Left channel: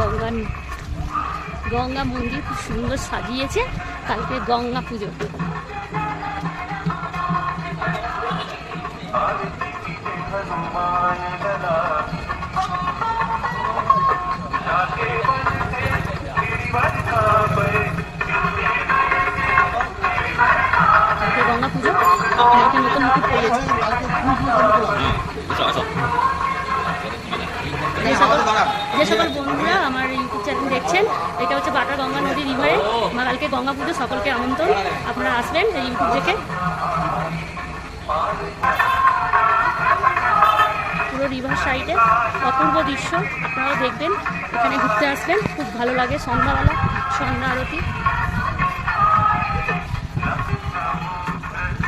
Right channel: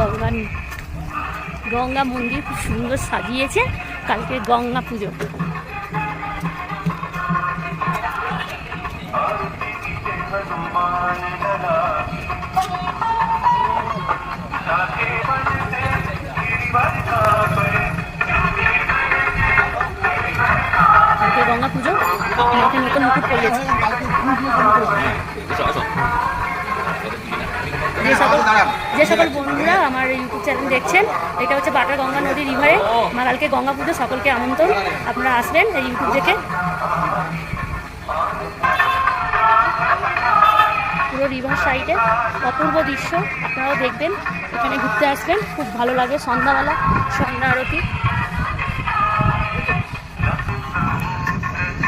Butter Ganga মন্দির খুব সুন্দর সাজিয়েছে। কালকে গঙ্গা পুজো। গঙ্গা পুজো মাকে নতুন মুকুট পরিয়েছে। যে সকল বন্ধুরা আমার ইউটিউব চ্যানেল দেখছেন, এটা হচ্ছে বাটার গঙ্গা নদী রিভারে মা কালকে গঙ্গা পুজো। সকলকে আমন্ত্রণ, আপনারা আসবেন এই ইউটিউব দেখে। পুরো রিভার সাইডে অপূর্ব দৃশ্য, আপনারাও দেখবেন, এখানে ঘুরতে আসবেন, খুব ভালো লাগে। সন্ধ্যা আরতি।